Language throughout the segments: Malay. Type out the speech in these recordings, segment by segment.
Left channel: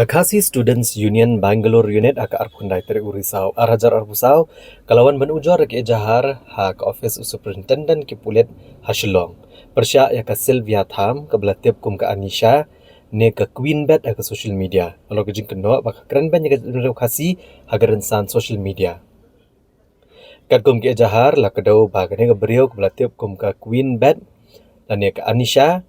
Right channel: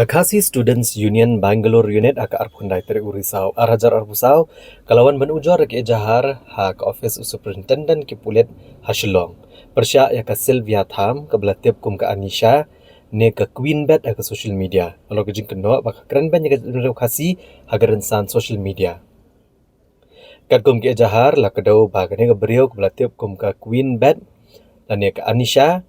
Kakasi Students Union Bangalore Unit aka arpundai teri urisau arajar arbusau kalawan benujor ke ejahar ha ke office superintendent ki pulit Hashilong persya ya ke Sylvia Tham ke belatip kum ke Anisha ne ke Queen Bet ke social media kalau ke jing keno baka keren ban ya ke kasi hagaran san social media kat kum ke ejahar la ke dau baga ne ke beriau ke belatip kum ke Queen Bet dan ne ke Anisha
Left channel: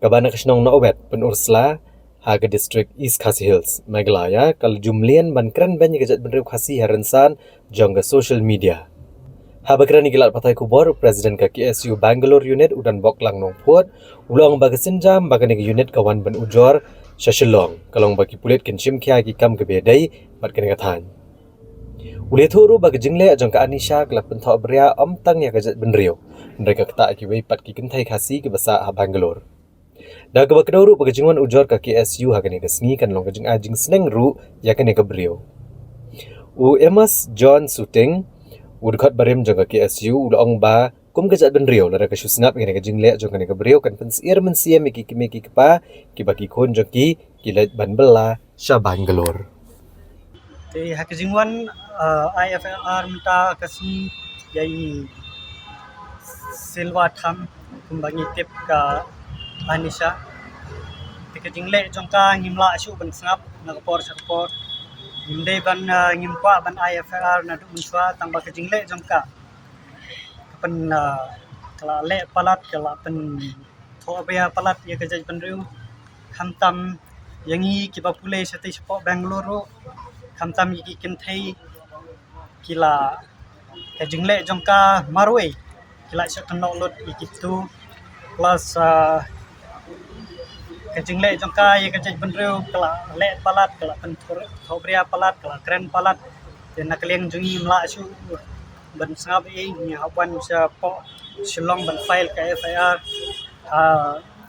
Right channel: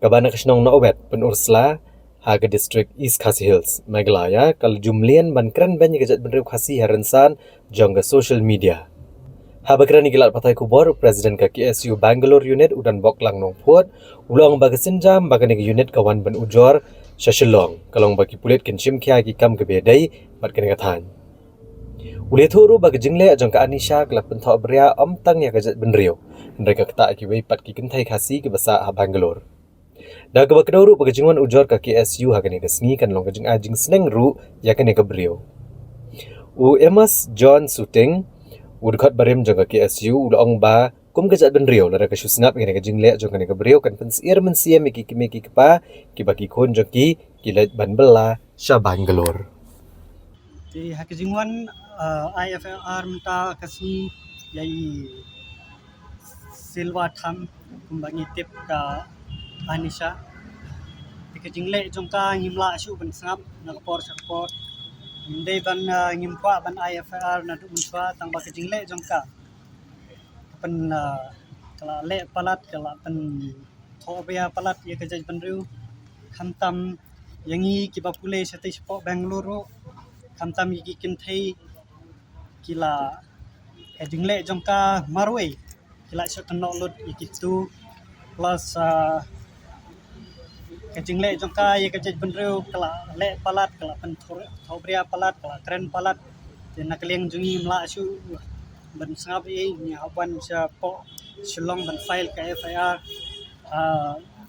ke bana ke senong no obet pen ursla Haga District East Khasi Hills, Meghalaya, kalau jumlian ban keren banyak kejat bener khasi haransan jangga social media. Haba keren ikilat patai kubor Presiden ke KSU Bangalore Unit udan bok lang nong puat, ulang baga senjam baga nega unit kawan ban ujor Shashilong, kalau bagi pulit kenshim kia kam kebedai bat kena katan. Ulit huru baga jingle ajang ke Anisha kelap pentok beria tang ya kejat benerio. Mereka kata akibai pat ki kentai khasi ke basa Bangalore. Dah ke bakdauru pagajingwan ujor ka KSU hagani kasngi kan long kajing ajing seneng ru ya kan ka brio. U Emas John Suting udkot barim jaga KSU ulong ba kum kajat ben rio lara ka susnap ngene kajing le jong ka brio kan pensir men sia miki pa ki baki kon joki kilat ban bela sha Bangalore. Te hakijingwan IFR mta kasi yai Silva Tham kumbangi tip ka Anisha te jingle jongka ngimla asu ban snap nakapor sakpor ngimde ban ngimpa ban IFR na du munswa tangba ke jingle jongka pen kala le palat kala pen thobya palat ye ke jaj banriu khamtam yangi ki bapule sati spo Bangalore khamtam yi kin thai kila ke jingle jongka marwe kila shot lot ikitu plus kajingle jongka ye kajaj benreu kala le palat kala pen thobria palat kala kren palat te nakliang jungi mla su ban sab e ni hawan sa po Shillong ban file ka FIR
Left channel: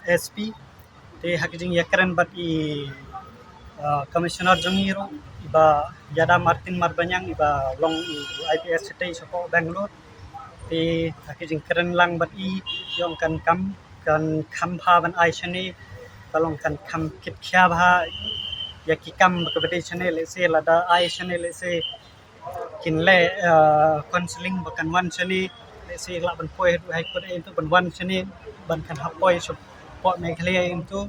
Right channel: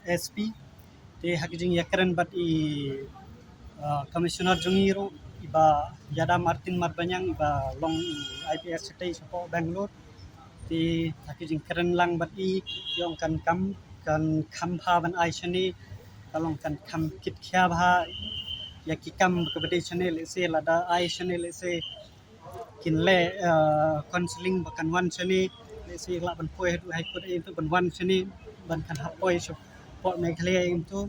SP te hakijing ya kren bat i commissioner jungi ro iba Yada Martin Marbanyang iba long IPS city so Bangalore te hakijing kren lang bat i yong kan kam pha ban ai chane kalong kan kam kit kya bha ya ki kam kabade channel se lada ai channel se kinle counseling bakan wan chane se la ban poi du hai ko itu ban wan chane ban kan hapoi so po me khle itu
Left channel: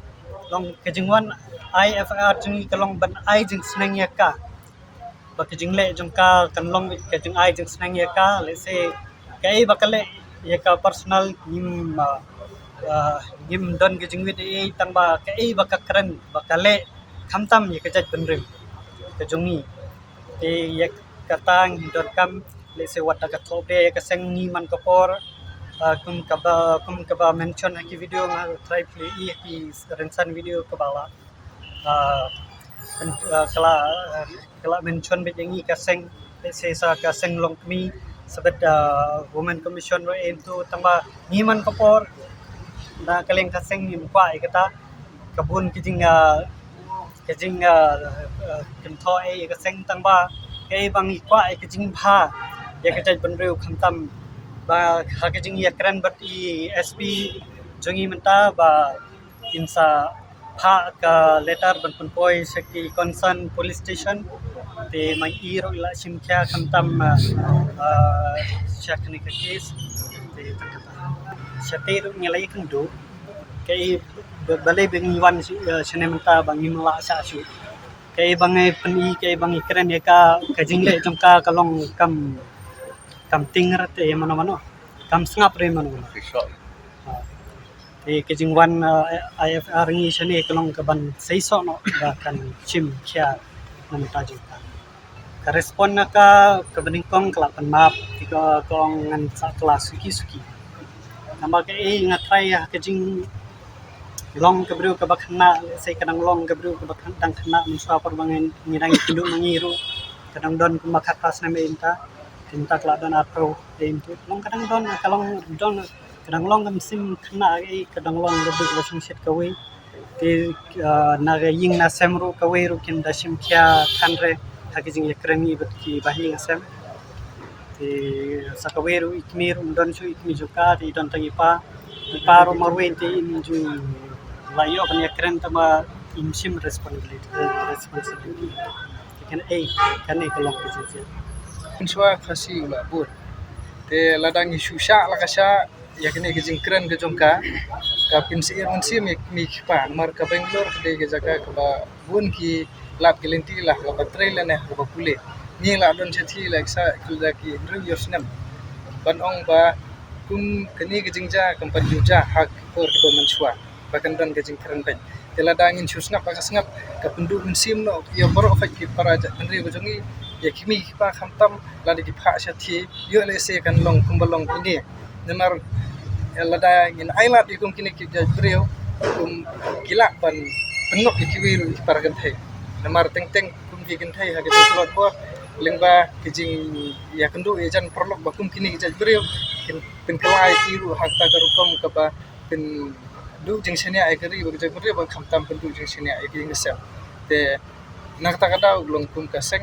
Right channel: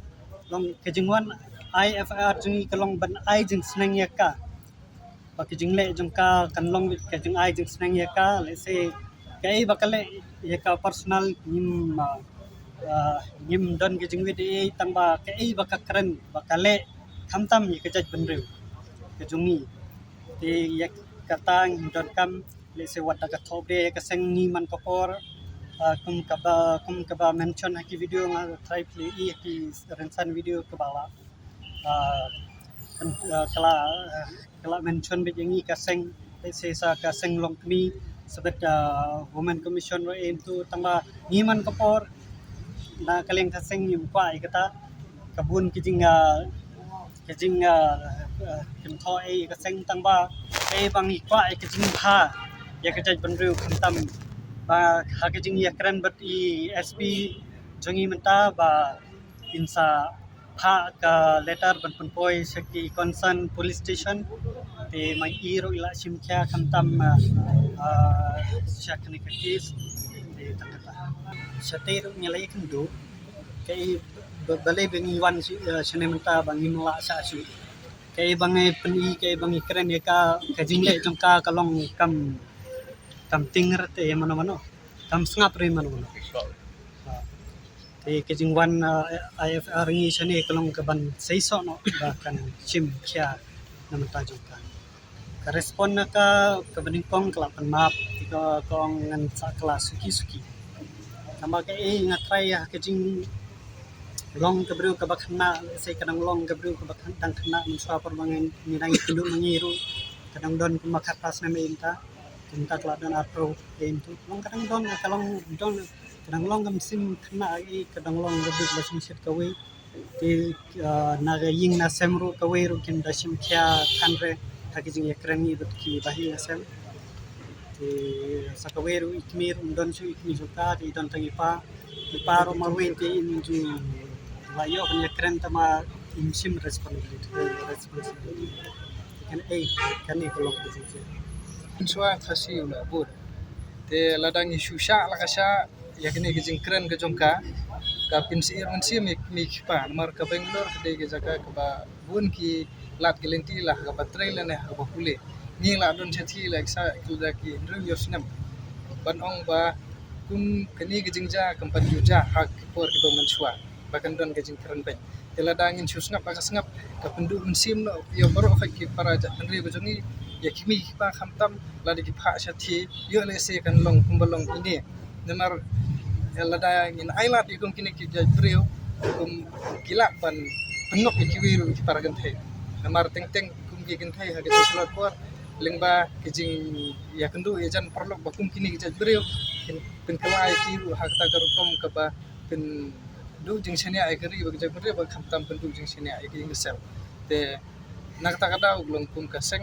long kejingwan IFR jing kalong ban ai jing sneng ya ka bak jingle jongka kan long kejing ai jing sneng ya ka le se kai bakale ya ka personal nim don ke jingwi de tangba ke baka keren bakale khamtam ye ke jaj benreu ke jongi e ye katang don kam le se wata ka thobe ke seng ni man kapor kum ka ba mention ha ki video nga try play ki rensan video ka bala kala mention be jengi ka seng le se sa ka seng long mi sabet women commission ro into tangba ni man kapor na kaleng kaseng ni mukha ikata kabun kijing kintho ai kaseng tangba kai bang ikwa kijing tha ya kajaj banru khamtam ba ha kijing ya kran bat I SP jongi menta ba insa tha ka letter ban poi sekti concern police station te mai iro ila simkya khamtam syakni ka case te Shatir ngelai kendu kai balai bengi wan sinementa bangi mela sa su kai bangai peni kai bangi keren ya ka kajingle jongka kalong kam tingrat te mano kam sngap re mano te kajingwan IFR ngi sene kalong kaban seiso no kan chim kya manta jongka ka respon na ka kabandingkong kelapan map tiga kolong ngan sa kelas suki tambah ke ngatrai ya kejing long kebru ke bakna sai kadang long kebru ke bakna tang kena muswa perbangan nirang pindu mangiru kadang don kumakak pas na meinta tinta kala don atro itu long kadang don kalong don kadang long kam sim kena kadang long kebru wasing shit kawi ti naga ying na semru kawi ru kin dasim kya kanre hakijing yakrani bet ki bahi ngasem ti sakaweru ikmiru don su ikmi juga ti don tangi pa iparo marwenti inju layo kan yakren tama imsim responsibility kan kalong kecil Insua fasi ula bur. Te ladang isu sya la kasya ya kini ke jingkren ke jongka ka pinsi irunsi mi kipan mar ka Bangalore ke ke jaga ke ba bun ki lat gelenti lah ka baterai la ne ka pule. Ni la don chati la sa kilda ki ru yosnam. Ban ong ba kum kini ke jingja kampan juja hak por ke do mensua. Bahkan don ke jingkren bai. Te ladang in susnap ka sngap ka pendu mensim no ya baro fa ki paraja andri bojongi ya kimi pa khamtam ladi ki pha shathi yo le se kan long kumbalong ini nemar lada ngin ailat ikum kini ki jabrio kum gila ban penok ikiwiru ki paragan thai nemar teng teng kum ki gen thai ha ki sulot ko lengba ki jing ya kendu ejan perlok bakum kini ki jabrio kin pin kalai kiru hakta karukom ka ba pin du jing senia ai kari ba jabrio ba khamtam pin du jing senia ai ki ngesem te nakta kada uglong kum kaseng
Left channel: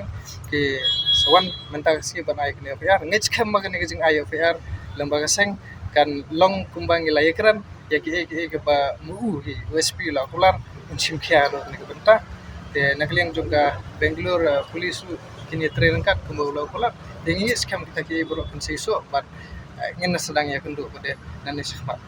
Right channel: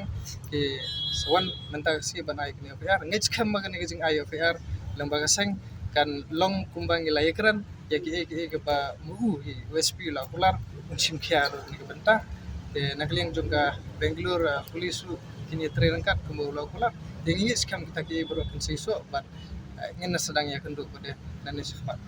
ki sawan mentak si ban ai kene FR ngej kam ma kene jing ai FR lembaga seng kan long kumbang ilai kran ya ki ba mu hi USP la kular unsim khia ro ne benta te nakliang juga Bangalore police kini train kat kumbau la kular dengi skam kita ki bro kan seiso bat ngin sedang ya kendu pada nani sifat